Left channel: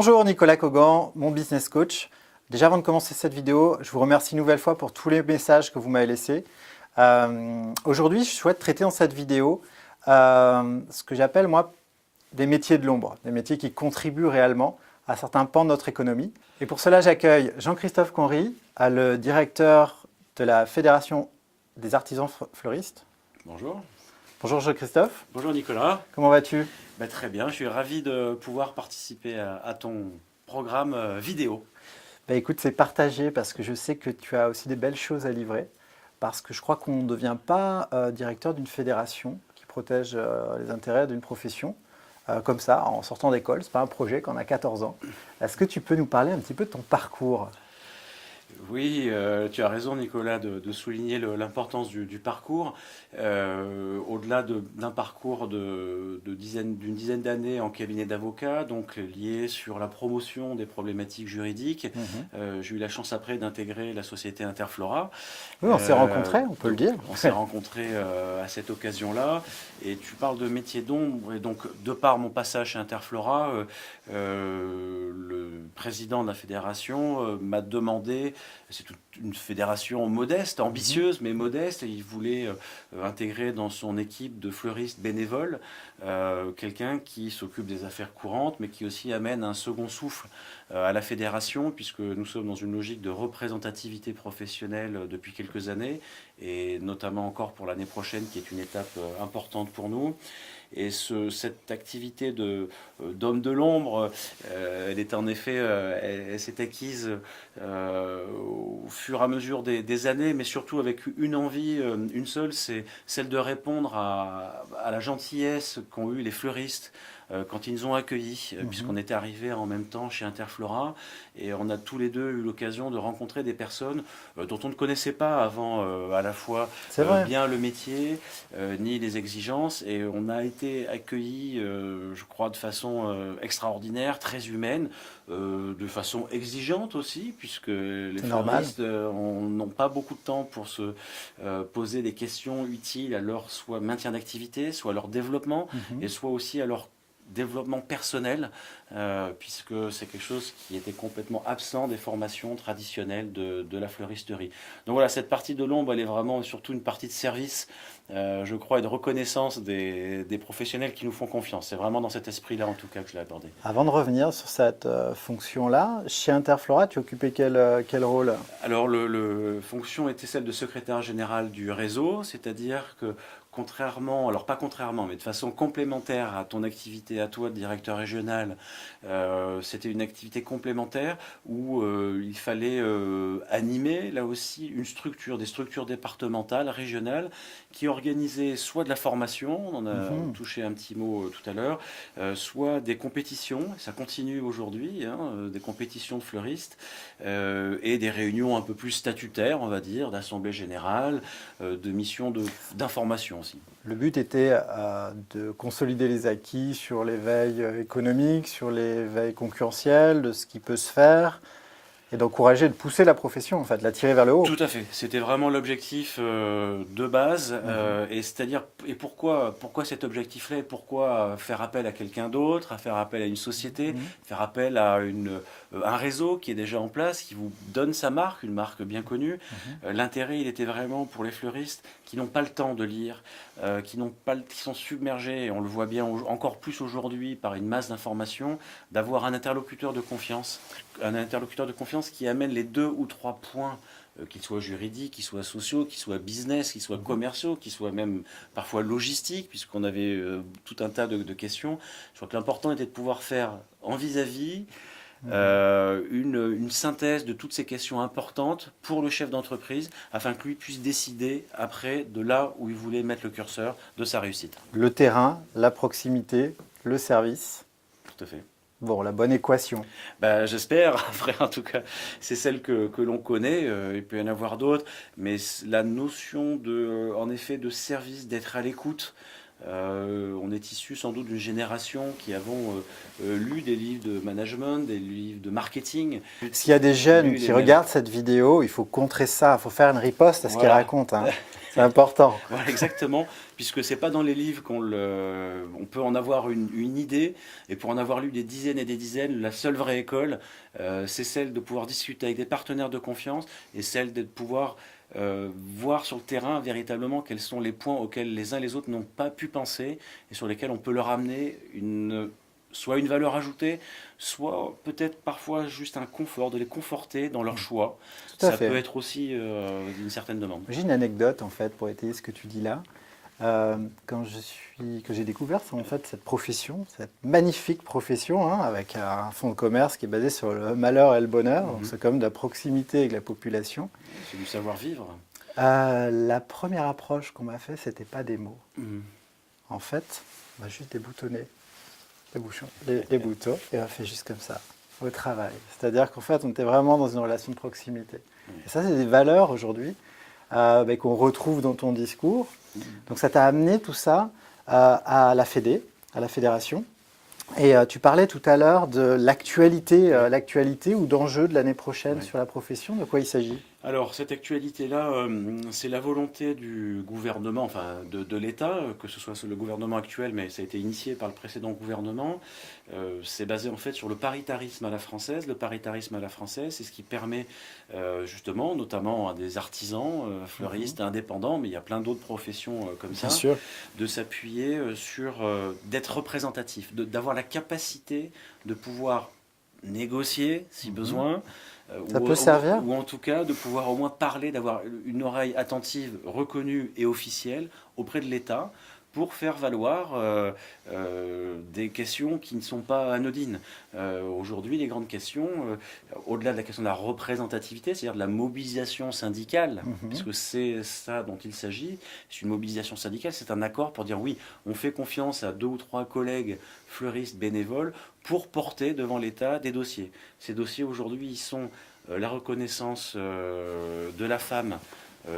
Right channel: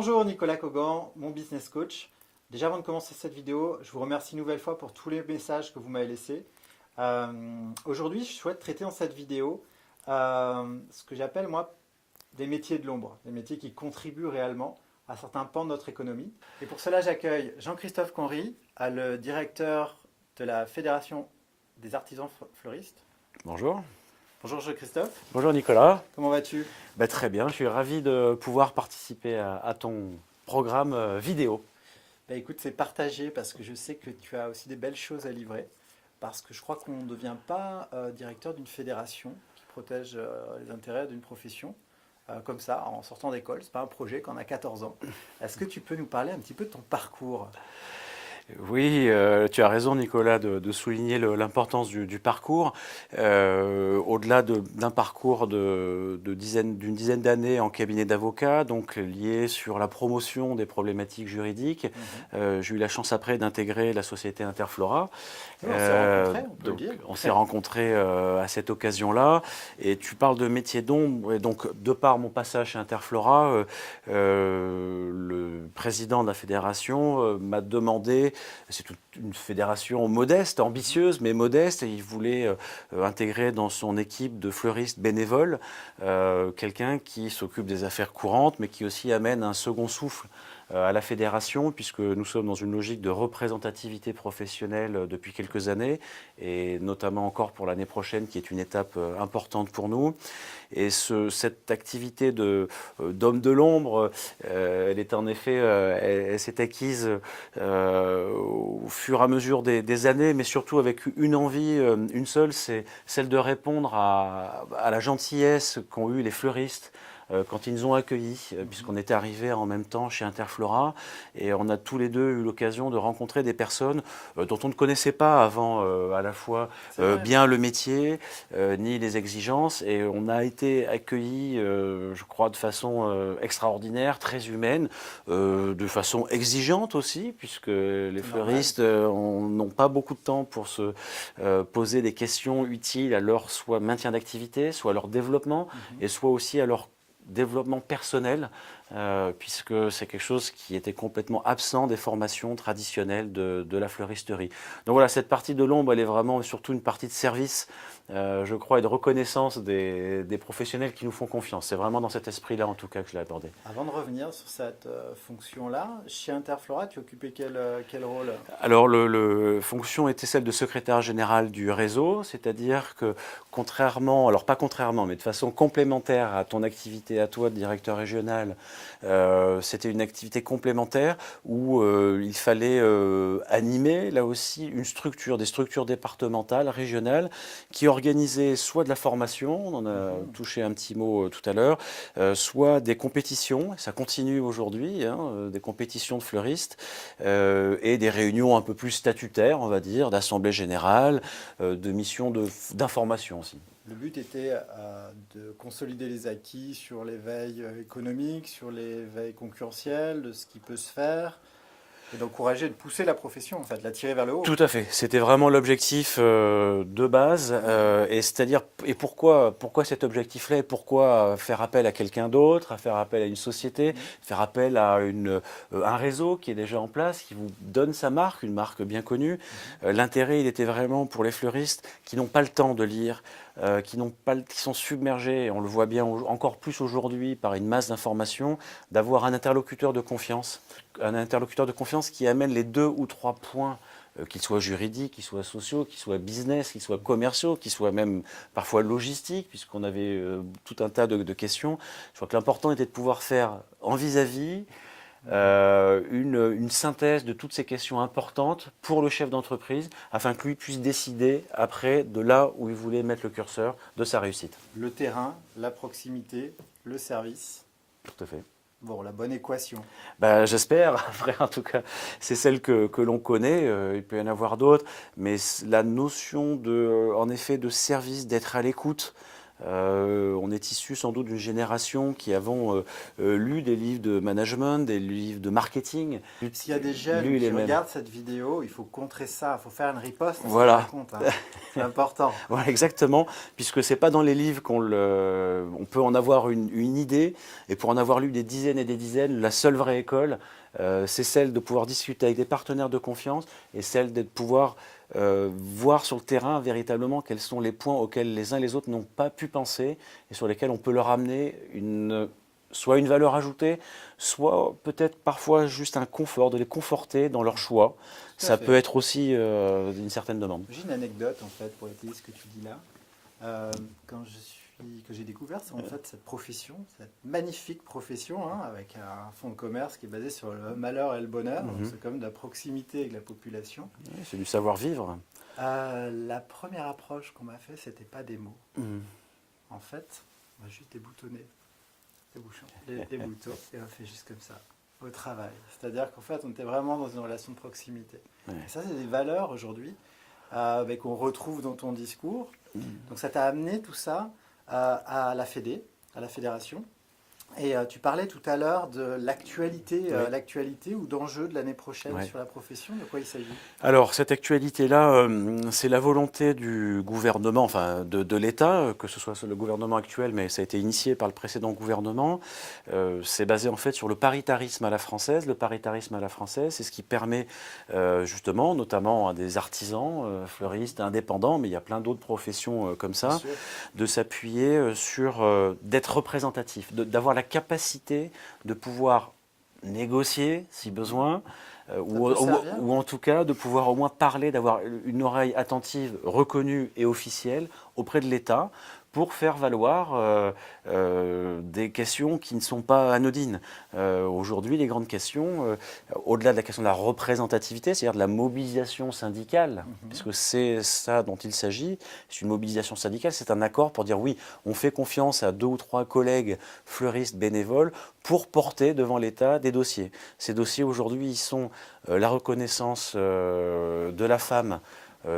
Bonjour Nicolas Cogan, mon business coach. Déjà avant de commencer cette vidéo, je vous remercie une nouvelle fois pour tous les messages que vous m'avez laissés. Aujourd'hui, je souhaite traiter dans cette vidéo ce que j'appelle moi des métiers de l'ombre, des métiers qui contribuent réellement à certains pans de notre économie. Et pour cela, j'accueille Jean-Christophe Conry, le directeur de la Fédération des artisans fleuristes. Bonjour. Bonjour Jean-Christophe. Bonjour Nicolas. Comment vas-tu? Très bien, je suis ravi de pouvoir participer à ton programme vidéo. Écoute, c'est partagé parce que je sais que tu as aussi des belles choses à livrer. Parce que je crois qu'on ne devient pas directeur d'une fédération qui protège les intérêts d'une profession comme ça, en sortant d'école. Ce n'est pas un projet quand on a 14 ans. Est-ce que tu peux nous parler un petit peu de ton parcours ? Oui, tu as raison Nicolas de souligner l'importance du parcours. Au-delà d'un parcours d'une dizaine d'années en cabinet d'avocat, donc lié sur la promotion des problématiques juridiques, j'ai eu la chance après d'intégrer la société Interflora. Oui, on s'est rencontrés, on peut le dire. On s'est rencontrés à cette occasion-là. Et tu parles de métier d'ombre. Et donc, de par mon passage chez Interflora, le président de la fédération m'a demandé, c'est une fédération modeste, ambitieuse, mais modeste, et il voulait intégrer dans son équipe de fleuristes bénévoles quelqu'un qui s'occupe des affaires courantes, mais qui aussi amène un second souffle à la fédération, puisque nous sommes dans une logique de représentativité professionnelle depuis quelques années, et notamment encore pour l'année prochaine, qui est une étape importante pour nous. Et cette activité d'homme de l'ombre, elle est en effet, elle s'est acquise au fur et à mesure des années, mais surtout avec une envie, une seule, c'est celle de répondre à la gentillesse qu'ont eu les fleuristes quand ils nous ont accueillis, puisqu'on était arrivés en même temps chez Interflora, et on a tous les deux eu l'occasion de rencontrer des personnes dont on ne connaissait pas avant à la fois bien le métier, ni les exigences, et on a été accueillis, je crois, de façon extraordinaire, très humaine, de façon exigeante aussi, puisque les fleuristes n'ont pas beaucoup de temps pour se poser des questions utiles à leur soit maintien d'activité, soit à leur développement, et soit aussi à leur développement personnel, puisque c'est quelque chose qui était complètement absent des formations traditionnelles de la fleuristerie. Donc voilà, cette partie de l'ombre, elle est vraiment surtout une partie de service, je crois, et de reconnaissance des professionnels qui nous font confiance. C'est vraiment dans cet esprit-là, en tout cas, que je l'ai abordé. Avant de revenir sur cette fonction-là, chez Interflora, tu occupais quel rôle ? Alors, la fonction était celle de secrétaire général du réseau, c'est-à-dire que contrairement, alors pas contrairement, mais de façon complémentaire à ton activité à toi de directeur régional, c'était une activité complémentaire où il fallait animer là aussi des structures départementales, régionales, qui organisaient soit de la formation, on en a touché un petit mot tout à l'heure, soit des compétitions, ça continue aujourd'hui, des compétitions de fleuristes, et des réunions un peu plus statutaires, on va dire, d'assemblée générale, de missions d'information aussi. Le but était de consolider les acquis sur l'éveil économique, sur l'éveil concurrentiel, de ce qui peut se faire, et d'encourager, de pousser la profession, en fait, de la tirer vers le haut. Tout à fait. C'était vraiment l'objectif de base. Et c'est-à-dire, et pourquoi cet objectif-là, et pourquoi faire appel à quelqu'un d'autre, à faire appel à une société, faire appel à un réseau qui est déjà en place, qui vous donne sa marque, une marque bien connue. L'intérêt, il était vraiment pour les fleuristes qui n'ont pas le temps de lire, qui sont submergés, et on le voit bien encore plus aujourd'hui par une masse d'informations, d'avoir un interlocuteur de confiance. Un interlocuteur de confiance qui amène les 2 ou 3 points, qu'ils soient juridiques, qu'ils soient sociaux, qu'ils soient business, qu'ils soient commerciaux, qu'ils soient même parfois logistiques, puisqu'on avait tout un tas de questions. Je crois que l'important était de pouvoir faire en vis-à-vis une synthèse de toutes ces questions importantes pour le chef d'entreprise, afin que lui puisse décider après de là où il voulait mettre le curseur de sa réussite. Le terrain, la proximité, le service. Tout à fait. Bon, la bonne équation. J'espère, après, en tout cas, c'est celle que l'on connaît, il peut y en avoir d'autres, mais la notion en effet, de service, d'être à l'écoute, On est issu sans doute d'une génération qui avons lu des livres de management, des livres de marketing. S'il y a des jeunes qui regardent cette vidéo, il faut contrer ça, il faut faire une riposte à ce Voilà. qu'elle raconte. Hein. C'est important. Voilà, exactement, puisque ce n'est pas dans les livres on peut en avoir une idée. Et pour en avoir lu des dizaines et des dizaines, la seule vraie école, c'est celle de pouvoir discuter avec des partenaires de confiance et celle de pouvoir voir sur le terrain véritablement quels sont les points auxquels les uns les autres n'ont pas pu penser et sur lesquels on peut leur amener soit une valeur ajoutée, soit peut-être parfois juste un confort, de les conforter dans leur choix. Ça peut être aussi une certaine demande. J'ai une anecdote en fait pour étayer ce que tu dis là. Que j'ai découvert, c'est en fait cette profession, cette magnifique profession, hein, avec un fonds de commerce qui est basé sur le malheur et le bonheur. Donc c'est comme de la proximité avec la population. C'est du savoir-vivre. La première approche qu'on m'a fait, c'était pas des mots. En fait, on va juste déboutonner les boutons et on fait juste comme ça, au travail. C'est-à-dire qu'en fait, on était vraiment dans une relation de proximité. Et ça, c'est des valeurs aujourd'hui qu'on retrouve dans ton discours. Donc ça t'a amené tout ça à la Fédé, à la fédération. Et tu parlais tout à l'heure de l'actualité ou d'enjeux de l'année prochaine sur la profession. De quoi il s'agit? Alors, cette actualité-là, c'est la volonté du gouvernement, enfin de l'État, que ce soit le gouvernement actuel, mais ça a été initié par le précédent gouvernement. C'est basé en fait sur le paritarisme à la française. Le paritarisme à la française, c'est ce qui permet justement, notamment à des artisans, fleuristes, indépendants, mais il y a plein d'autres professions comme ça, de s'appuyer sur, d'être représentatif, d'avoir la capacité de pouvoir négocier si besoin, ou en tout cas de pouvoir au moins parler, d'avoir une oreille attentive, reconnue et officielle auprès de l'État pour faire valoir des questions qui ne sont pas anodines. Aujourd'hui, les grandes questions, au-delà de la question de la représentativité, c'est-à-dire de la mobilisation syndicale, puisque c'est ça dont il s'agit, c'est une mobilisation syndicale, c'est un accord pour dire oui, on fait confiance à 2 ou 3 collègues fleuristes bénévoles pour porter devant l'État des dossiers. Ces dossiers, aujourd'hui, ils sont la reconnaissance de la femme,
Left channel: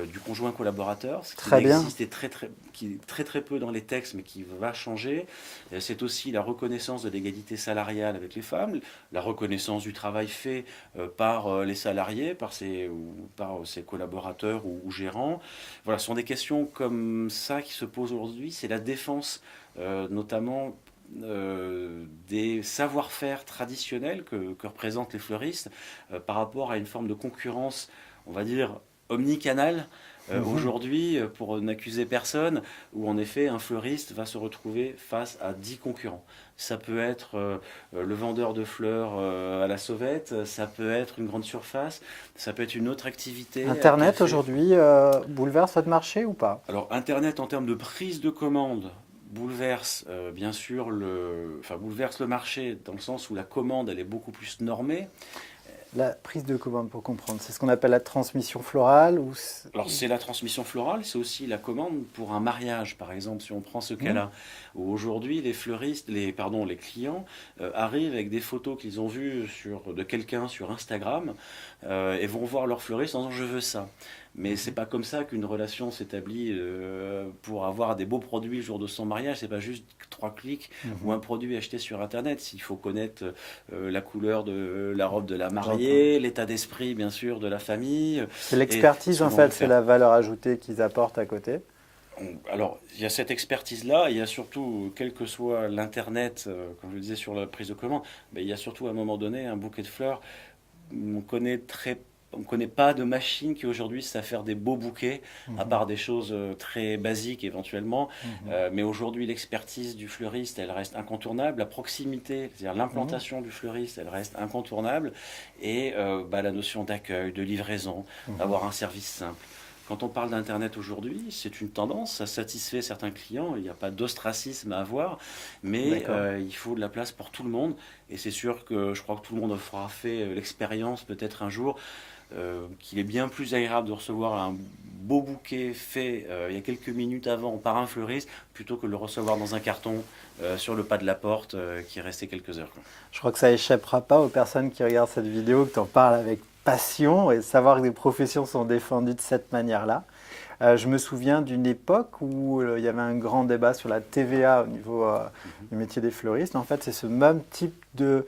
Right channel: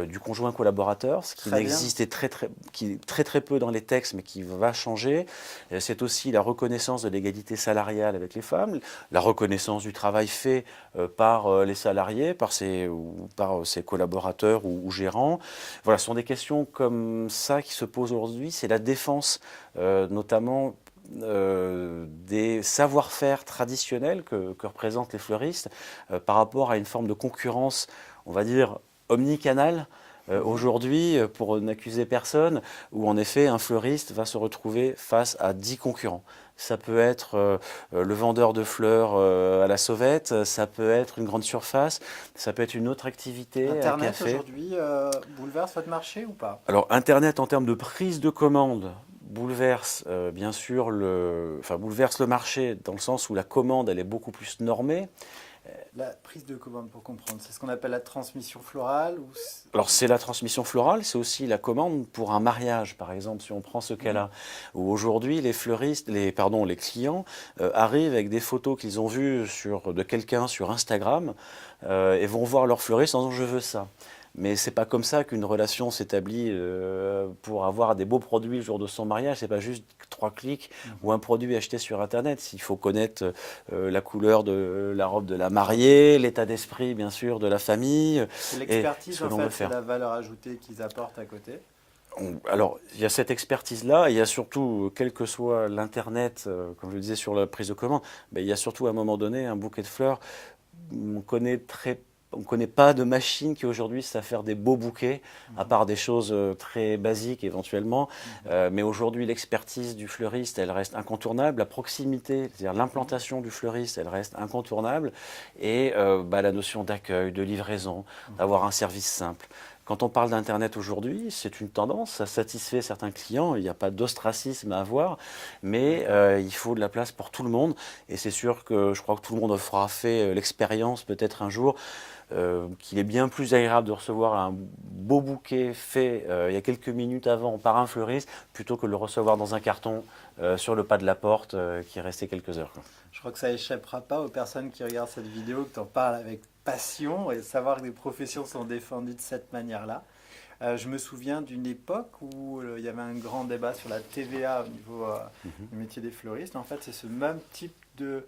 du conjoint collaborateur, ce qui n'existait très peu dans les textes, mais qui va changer. C'est aussi la reconnaissance de l'égalité salariale avec les femmes, la reconnaissance du travail fait par les salariés, par ses collaborateurs ou gérants. Voilà, ce sont des questions comme ça qui se posent aujourd'hui. C'est la défense, notamment des savoir-faire traditionnels que représentent les fleuristes par rapport à une forme de concurrence, on va dire, omnicanal aujourd'hui, pour n'accuser personne, où en effet un fleuriste va se retrouver face à 10 concurrents. Ça peut être le vendeur de fleurs à la sauvette, ça peut être une grande surface, ça peut être une autre activité. Internet aujourd'hui bouleverse votre marché ou pas? Alors Internet en termes de prise de commande bouleverse bien sûr bouleverse le marché dans le sens où la commande elle est beaucoup plus normée. La prise de commande, pour comprendre, c'est ce qu'on appelle la transmission florale ou... Alors c'est la transmission florale, c'est aussi la commande pour un mariage, par exemple, si on prend ce cas-là. Où aujourd'hui, les fleuristes, les clients arrivent avec des photos qu'ils ont vues de quelqu'un sur Instagram et vont voir leur fleuriste en disant « je veux ça ». Mais c'est pas comme ça qu'une relation s'établit pour avoir des beaux produits le jour de son mariage. C'est pas juste 3 clics ou un produit acheté sur Internet. Il faut connaître la couleur de la robe de la mariée, l'état d'esprit bien sûr de la famille. C'est l'expertise en fait, c'est la valeur ajoutée qu'ils apportent à côté. Alors, il y a cette expertise-là, il y a surtout, quel que soit l'Internet, comme je le disais sur la prise de commande, il y a surtout à un moment donné un bouquet de fleurs. On ne connaît pas de machine qui aujourd'hui sait faire des beaux bouquets, à part des choses très basiques éventuellement. Mais aujourd'hui, l'expertise du fleuriste, elle reste incontournable. La proximité, c'est-à-dire l'implantation du fleuriste, elle reste incontournable. Et la notion d'accueil, de livraison, d'avoir un service simple. Quand on parle d'Internet aujourd'hui, c'est une tendance, ça satisfait certains clients, il n'y a pas d'ostracisme à avoir, mais il faut de la place pour tout le monde. Et c'est sûr que je crois que tout le monde aura fait l'expérience peut-être un jour qu'il est bien plus agréable de recevoir un beau bouquet fait il y a quelques minutes avant par un fleuriste plutôt que de le recevoir dans un carton sur le pas de la porte qui est resté quelques heures. Je crois que ça échappera pas aux personnes qui regardent cette vidéo, que tu en parles avec passion et savoir que des professions sont défendues de cette manière-là. Je me souviens d'une époque où il y avait un grand débat sur la TVA au niveau du métier des fleuristes. En fait, c'est ce même type de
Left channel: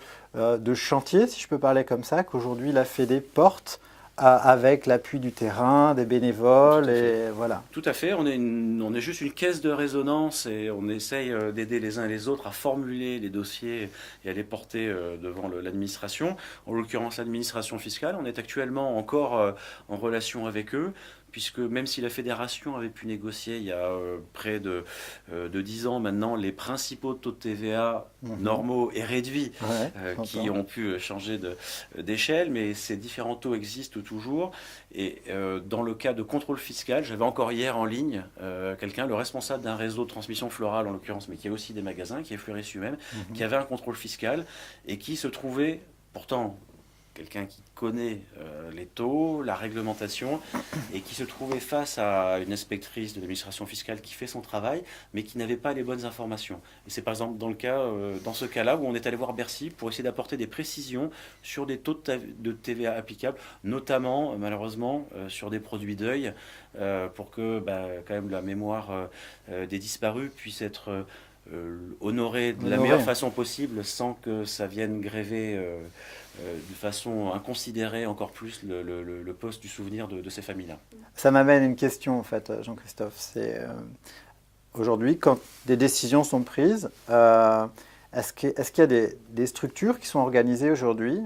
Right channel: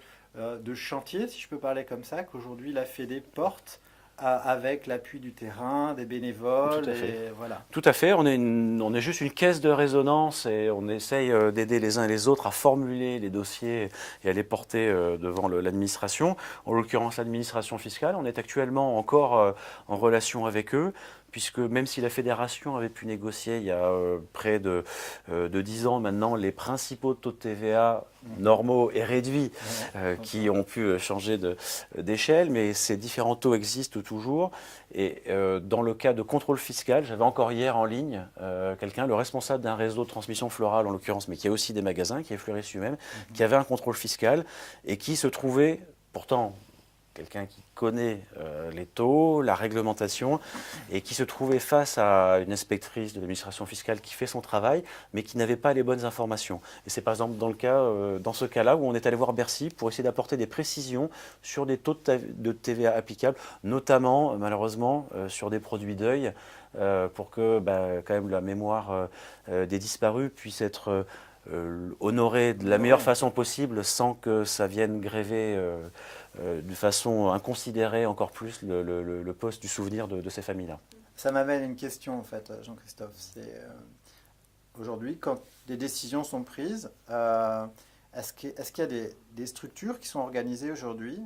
chantier, si je peux parler comme ça, qu'aujourd'hui la Fédé porte avec l'appui du terrain, des bénévoles, et voilà. Tout à fait, on est juste une caisse de résonance et on essaye d'aider les uns et les autres à formuler les dossiers et à les porter devant l'administration. En l'occurrence, l'administration fiscale, on est actuellement encore en relation avec eux, puisque même si la fédération avait pu négocier il y a près de 10 ans maintenant les principaux taux de TVA normaux et réduits qui ont pu changer d'échelle, mais ces différents taux existent toujours. Et dans le cas de contrôle fiscal, j'avais encore hier en ligne quelqu'un, le responsable d'un réseau de transmission florale en l'occurrence, mais qui a aussi des magasins, qui est fleuriste lui-même, qui avait un contrôle fiscal et qui se trouvait pourtant quelqu'un qui connaît les taux, la réglementation, et qui se trouvait face à une inspectrice de l'administration fiscale qui fait son travail, mais qui n'avait pas les bonnes informations. Et c'est par exemple dans ce cas-là où on est allé voir Bercy pour essayer d'apporter des précisions sur des taux de TVA applicables, notamment, malheureusement, sur des produits deuil, pour que quand même la mémoire des disparus puisse être honorée de la meilleure façon possible sans que ça vienne gréver de façon inconsidérée encore plus le poste du souvenir de ces familles-là. Ça m'amène à une question en fait, Jean-Christophe. C'est aujourd'hui, quand des décisions sont prises, est-ce qu'il y a des structures qui sont organisées aujourd'hui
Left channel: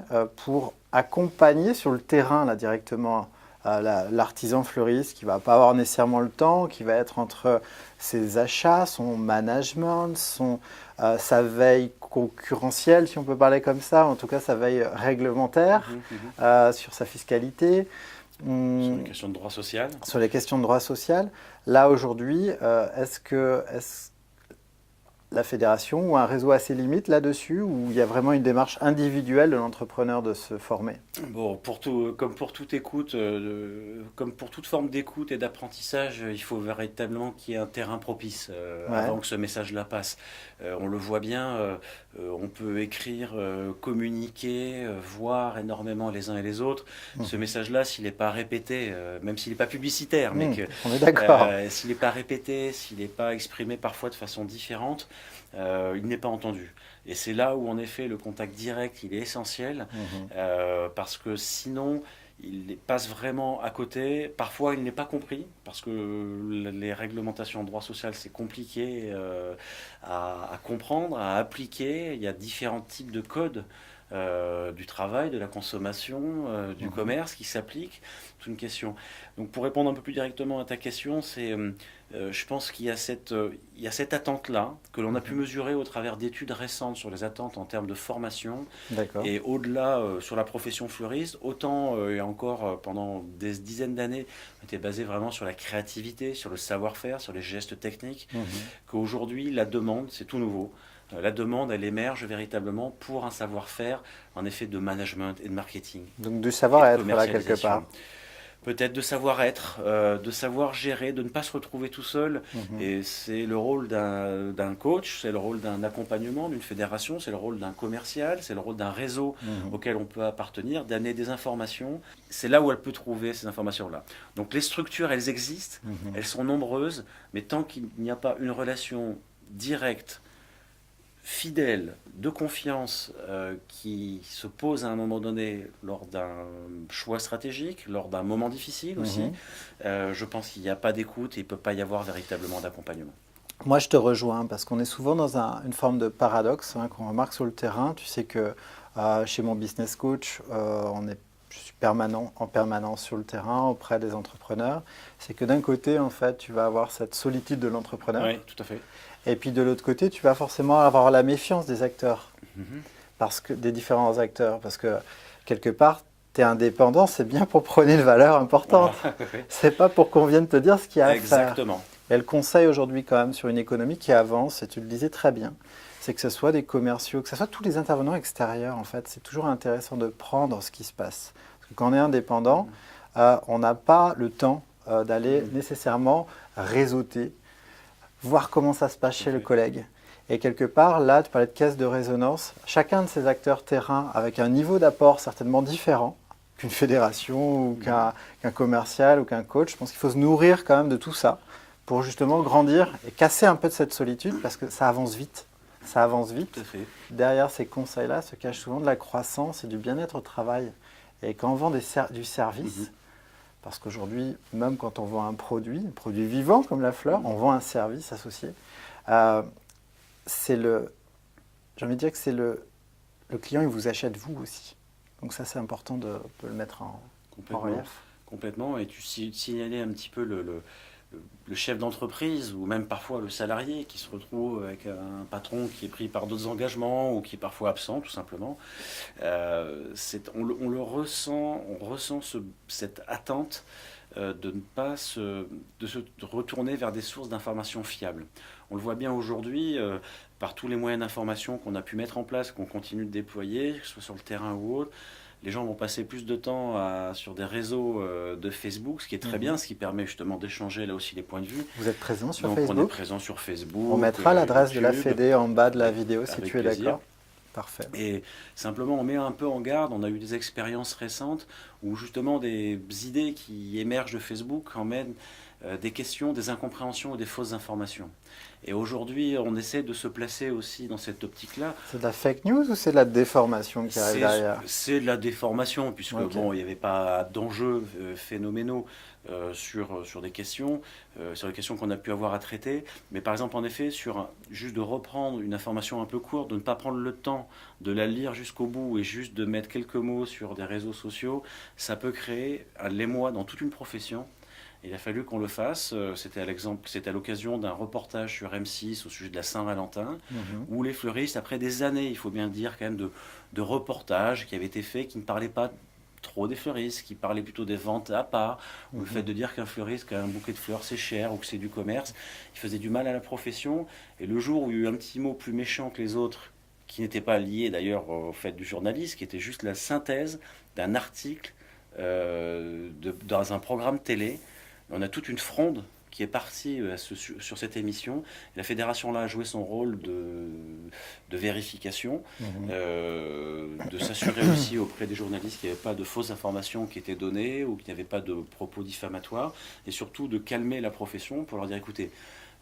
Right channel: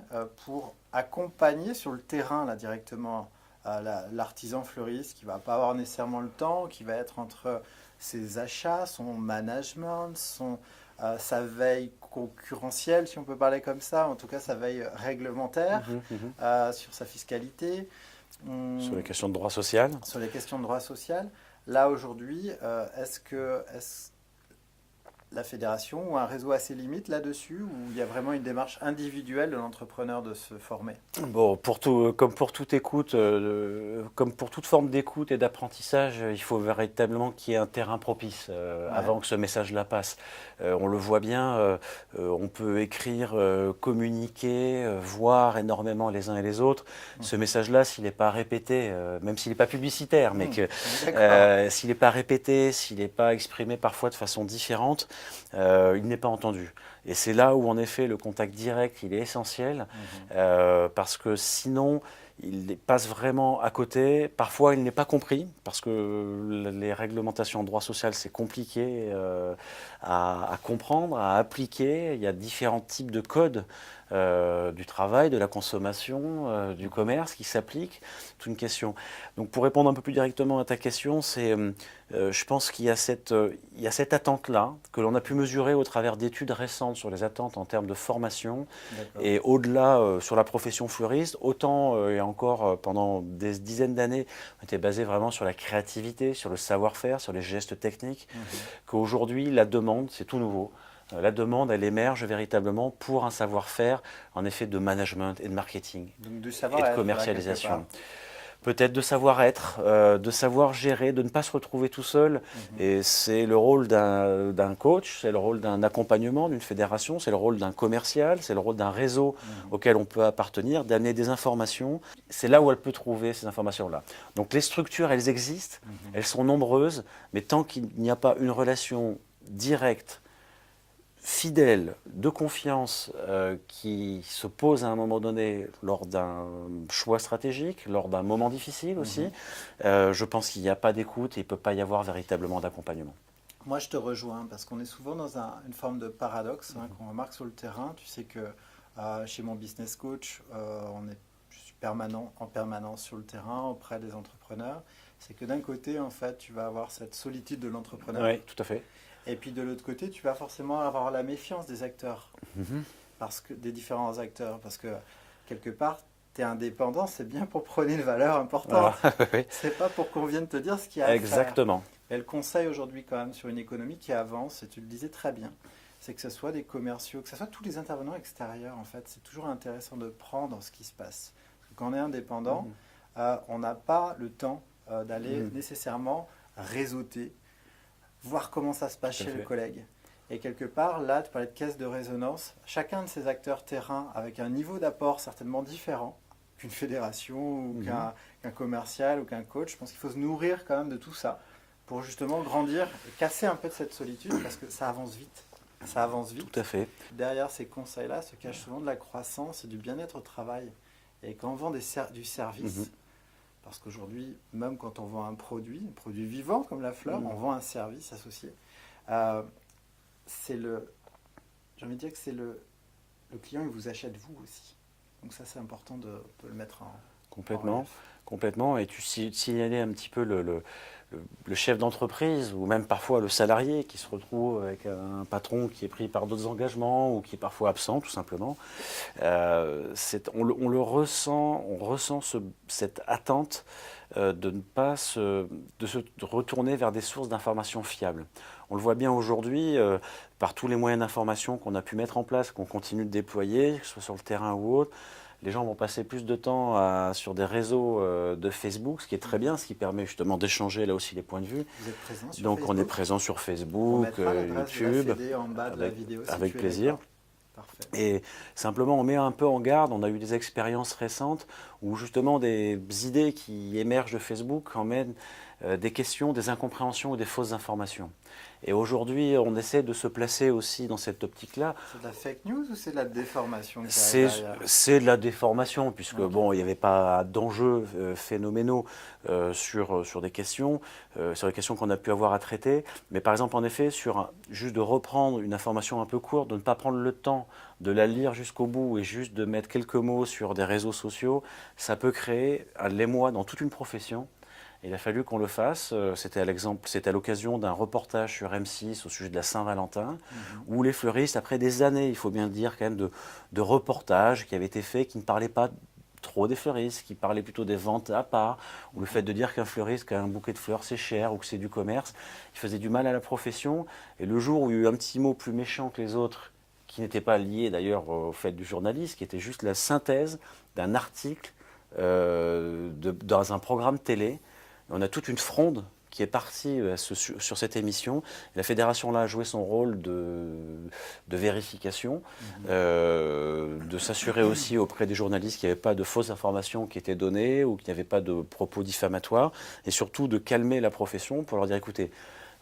pour accompagner sur le terrain là, directement l'artisan fleuriste qui ne va pas avoir nécessairement le temps, qui va être entre ses achats, son management, sa veille concurrentielle, si on peut parler comme ça, en tout cas sa veille réglementaire sur sa fiscalité. Sur les questions de droit social. Sur les questions de droit social. Là, aujourd'hui, est-ce la fédération ou un réseau a ses limites là-dessus, ou il y a vraiment une démarche individuelle de l'entrepreneur de se former? Bon, comme pour toute écoute, comme pour toute forme d'écoute et d'apprentissage, il faut véritablement qu'il y ait un terrain propice avant que ce message-là passe. On le voit bien, on peut écrire, communiquer, voir énormément les uns et les autres. Ce message-là, s'il n'est pas répété, même s'il n'est pas publicitaire, mais s'il n'est pas répété, s'il n'est pas exprimé parfois de façon différente, il n'est pas entendu. Et c'est là où, en effet, le contact direct, il est essentiel, parce que sinon, il passe vraiment à côté. Parfois, il n'est pas compris, parce que les réglementations en droit social, c'est compliqué à comprendre, à appliquer. Il y a différents types de codes du travail, de la consommation, du commerce qui s'appliquent. C'est une question. Donc, pour répondre un peu plus directement à ta question, je pense qu'il y a cette attente-là que l'on a pu mesurer au travers d'études récentes sur les attentes en termes de formation. Et au-delà sur la profession fleuriste, autant et encore pendant des dizaines d'années, on était basé vraiment sur la créativité, sur le savoir-faire, sur les gestes techniques, qu'aujourd'hui, la demande, c'est tout nouveau. La demande, elle émerge véritablement pour un savoir-faire, en effet, de management et de marketing. Donc du savoir-être, là, quelque part. Peut-être de savoir-être, de savoir gérer, de ne pas se retrouver tout seul. Et c'est le rôle d'un coach, c'est le rôle d'un accompagnement, d'une fédération, c'est le rôle d'un commercial, c'est le rôle d'un réseau auquel on peut appartenir, d'amener des informations. C'est là où elle peut trouver ces informations-là. Donc les structures, elles existent, elles sont nombreuses, mais tant qu'il n'y a pas une relation directe, fidèle, de confiance, qui se pose à un moment donné lors d'un choix stratégique, lors d'un moment difficile aussi, je pense qu'il n'y a pas d'écoute et il ne peut pas y avoir véritablement d'accompagnement. Moi, je te rejoins parce qu'on est souvent dans une forme de paradoxe qu'on remarque sur le terrain. Tu sais que chez mon business coach, je suis en permanence sur le terrain auprès des entrepreneurs. C'est que d'un côté, en fait, tu vas avoir cette solitude de l'entrepreneur. Oui, tout à fait. Et puis de l'autre côté, tu vas forcément avoir la méfiance des acteurs, des différents acteurs. Parce que quelque part, tu es indépendant, c'est bien pour prôner une valeur importante. C'est pas pour qu'on vienne te dire ce qu'il y a à faire. Exactement. Et le conseil aujourd'hui quand même sur une économie qui avance, et tu le disais très bien, c'est que ce soit des commerciaux, que ce soit tous les intervenants extérieurs, en fait, c'est toujours intéressant de prendre ce qui se passe. Parce que quand on est indépendant, on n'a pas le temps d'aller nécessairement réseauter, voir comment ça se passe chez le collègue. Et quelque part, là, tu parlais de caisse de résonance. Chacun de ces acteurs terrain, avec un niveau d'apport certainement différent, qu'une fédération ou qu'un commercial ou qu'un coach. Je pense qu'il faut se nourrir quand même de tout ça pour justement grandir et casser un peu de cette solitude parce que ça avance vite. Ça avance vite. Tout à fait. Derrière ces conseils-là se cache souvent de la croissance et du bien-être au travail. Et quand on vend du service, parce qu'aujourd'hui, même quand on vend un produit vivant comme la fleur, on vend un service associé. J'ai envie de dire que c'est le client, il vous achète vous aussi. Donc ça, c'est important de le mettre en relief. Complètement. Et tu signalais un petit peu le chef d'entreprise ou même parfois le salarié qui se retrouve avec un patron qui est pris par d'autres engagements ou qui est parfois absent tout simplement. On ressent cette attente de ne pas se retourner vers des sources d'informations fiables. On le voit bien aujourd'hui par tous les moyens d'information qu'on a pu mettre en place, qu'on continue de déployer, que ce soit sur le terrain ou autre. Les gens vont passer plus de temps sur des réseaux de Facebook, ce qui est très bien, ce qui permet justement d'échanger là aussi les points de vue. Vous êtes présent sur Donc Facebook ? on est présent sur Facebook. On mettra l'adresse de la YouTube, Fédé en bas de la vidéo si avec tu es plaisir. d'accord. Parfait. Et simplement, on met un peu en garde. On a eu des expériences récentes où justement des idées qui émergent de Facebook emmènent des questions, des incompréhensions ou des fausses informations. Et aujourd'hui, on essaie de se placer aussi dans cette optique-là. C'est de la fake news ou c'est de la déformation qui arrive derrière ? C'est de la déformation, puisque bon, il n'y avait pas d'enjeux phénoménaux sur des questions, sur les questions qu'on a pu avoir à traiter. Mais par exemple, en effet, juste de reprendre une information un peu courte, de ne pas prendre le temps de la lire jusqu'au bout et juste de mettre quelques mots sur des réseaux sociaux, ça peut créer un l'émoi dans toute une profession. Il a fallu qu'on le fasse. C'était à l'occasion d'un reportage sur M6 au sujet de la Saint-Valentin, où les fleuristes, après des années, il faut bien le dire, quand même, de reportages qui avaient été faits, qui ne parlaient pas trop des fleuristes, qui parlaient plutôt des ventes à part, ou le fait de dire qu'un fleuriste, qu'un bouquet de fleurs, c'est cher, ou que c'est du commerce, il faisait du mal à la profession. Et le jour où il y a eu un petit mot plus méchant que les autres, qui n'était pas lié d'ailleurs au fait du journaliste, qui était juste la synthèse d'un article dans un programme télé. On a toute une fronde qui est partie sur cette émission. La fédération là a joué son rôle de vérification, de s'assurer aussi auprès des journalistes qu'il n'y avait pas de fausses informations qui étaient données ou qu'il n'y avait pas de propos diffamatoires, et surtout de calmer la profession pour leur dire écoutez,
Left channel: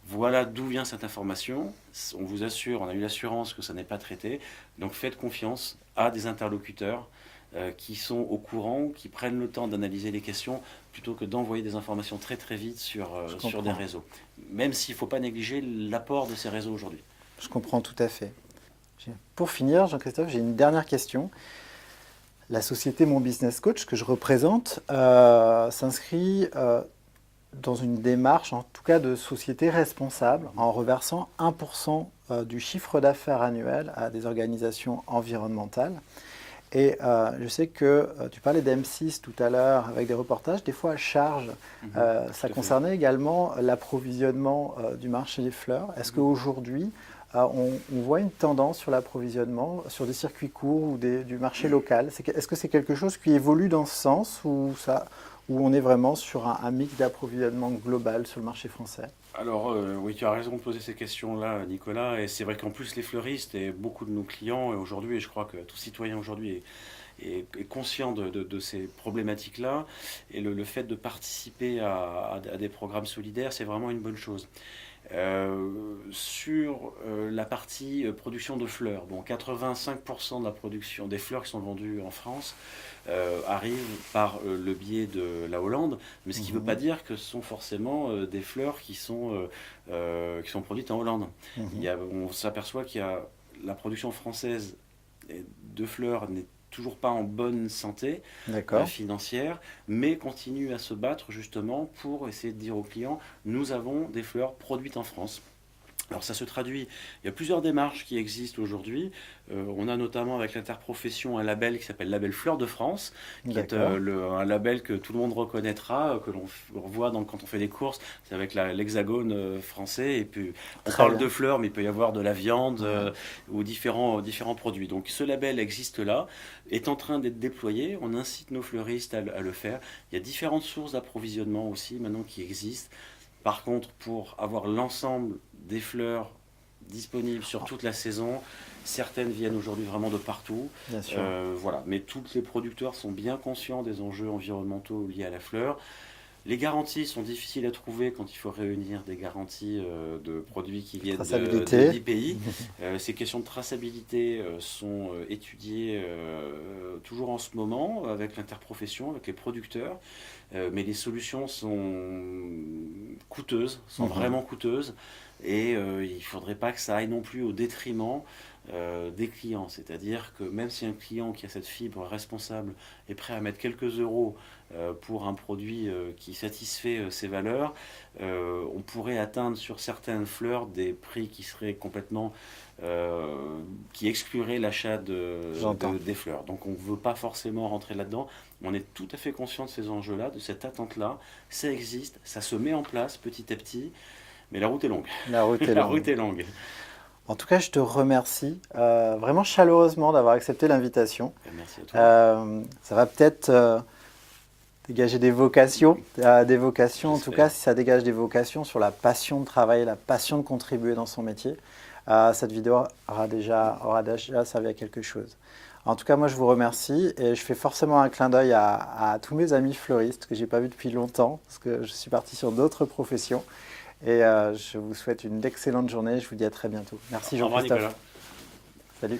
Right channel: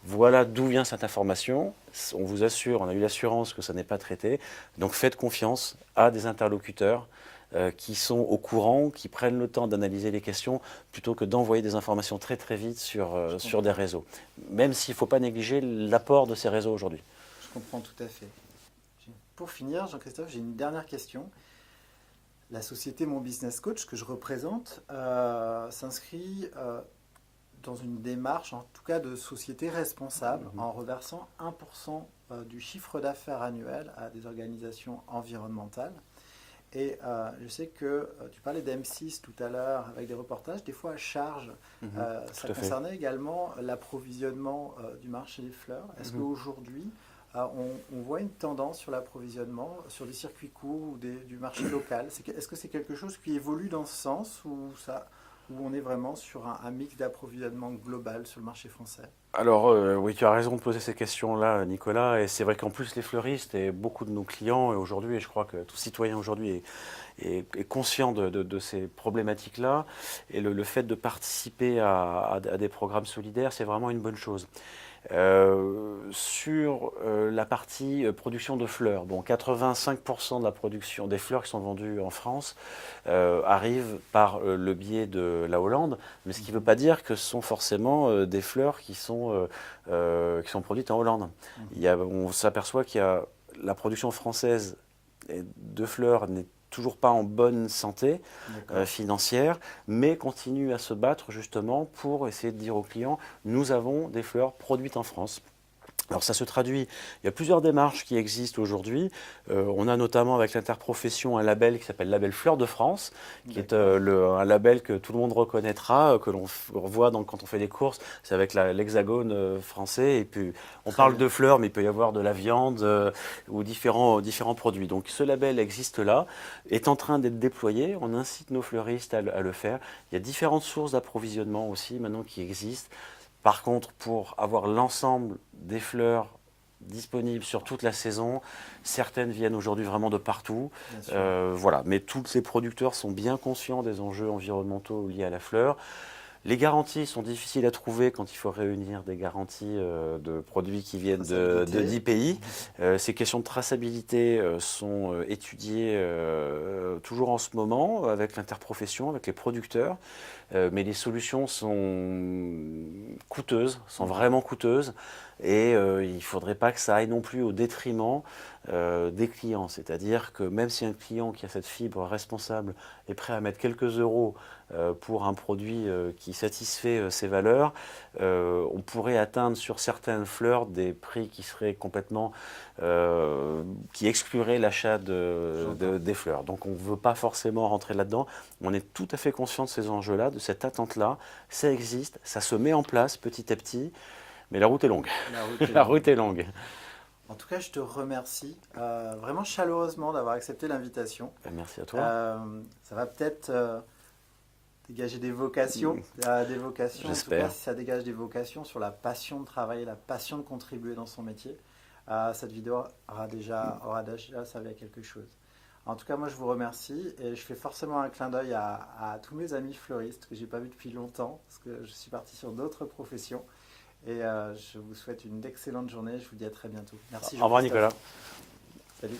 voilà d'où vient cette information, on vous assure, on a eu l'assurance que ça n'est pas traité, donc faites confiance à des interlocuteurs qui sont au courant, qui prennent le temps d'analyser les questions, plutôt que d'envoyer des informations très très vite sur des réseaux. Même s'il ne faut pas négliger l'apport de ces réseaux aujourd'hui. Je comprends tout à fait. Pour finir, Jean-Christophe, j'ai une dernière question. La société Mon Business Coach que je représente s'inscrit dans une démarche, en tout cas de société responsable, en reversant 1% du chiffre d'affaires annuel à des organisations environnementales. Et je sais que tu parlais d'M6 tout à l'heure avec des reportages, des fois à charge. Ça concernait également l'approvisionnement du marché des fleurs. Est-ce qu'aujourd'hui, on voit une tendance sur l'approvisionnement, sur des circuits courts ou du marché local? Est-ce que c'est quelque chose qui évolue dans ce sens ou on est vraiment sur un mix d'approvisionnement global sur le marché français? Alors oui, tu as raison de poser ces questions-là, Nicolas. Et c'est vrai qu'en plus, les fleuristes et beaucoup de nos clients, et aujourd'hui, et je crois que tout citoyen aujourd'hui est conscient de ces problématiques-là. Et le fait de participer à des programmes solidaires, c'est vraiment une bonne chose. Sur la partie production de fleurs, bon, 85% de la production des fleurs qui sont vendues en France arrivent par le biais de la Hollande, mais ce qui ne veut pas dire que ce sont forcément des fleurs qui sont produites en Hollande. On s'aperçoit qu'il y a la production française de fleurs n'est toujours pas en bonne santé financière, mais continue à se battre justement pour essayer de dire aux clients, nous avons des fleurs produites en France. Alors ça se traduit, il y a plusieurs démarches qui existent aujourd'hui. On a notamment avec l'interprofession un label qui s'appelle Label Fleurs de France, qui est un label que tout le monde reconnaîtra, que l'on voit quand on fait des courses. C'est avec l'hexagone français. Et puis on parle de fleurs, mais il peut y avoir de la viande ou différents produits. Donc ce label existe là, est en train d'être déployé. On incite nos fleuristes à le faire. Il y a différentes sources d'approvisionnement aussi maintenant qui existent. Par contre, pour avoir l'ensemble des fleurs disponibles sur toute la saison, Certaines viennent aujourd'hui vraiment de partout. Bien sûr. Voilà. Mais tous les producteurs sont bien conscients des enjeux environnementaux liés à la fleur. Les garanties sont difficiles à trouver quand il faut réunir des garanties de produits qui viennent de 10 pays. Ces questions de traçabilité sont étudiées toujours en ce moment avec l'interprofession, avec les producteurs. Mais les solutions sont coûteuses, sont vraiment coûteuses. Et il ne faudrait pas que ça aille non plus au détriment des clients. C'est-à-dire que même si un client qui a cette fibre responsable est prêt à mettre quelques euros pour un produit qui satisfait ses valeurs, on pourrait atteindre sur certaines fleurs des prix qui seraient complètement qui excluraient l'achat des fleurs. Donc on ne veut pas forcément rentrer là-dedans. On est tout à fait conscient de ces enjeux-là, de cette attente-là. Ça existe, ça se met en place petit à petit. Mais la route est longue. La route est longue. En tout cas, je te remercie vraiment chaleureusement d'avoir accepté l'invitation. Merci à toi. Ça va peut-être dégager des vocations. En tout cas, si ça dégage des vocations sur la passion de travailler, la passion de contribuer dans son métier, cette vidéo aura déjà servi à quelque chose. En tout cas, moi, je vous remercie et je fais forcément un clin d'œil à tous mes amis fleuristes que je n'ai pas vus depuis longtemps parce que je suis parti sur d'autres professions. Et je vous souhaite une excellente journée. Je vous dis à très bientôt. Merci Jean-Christophe. Au revoir Nicolas. Salut.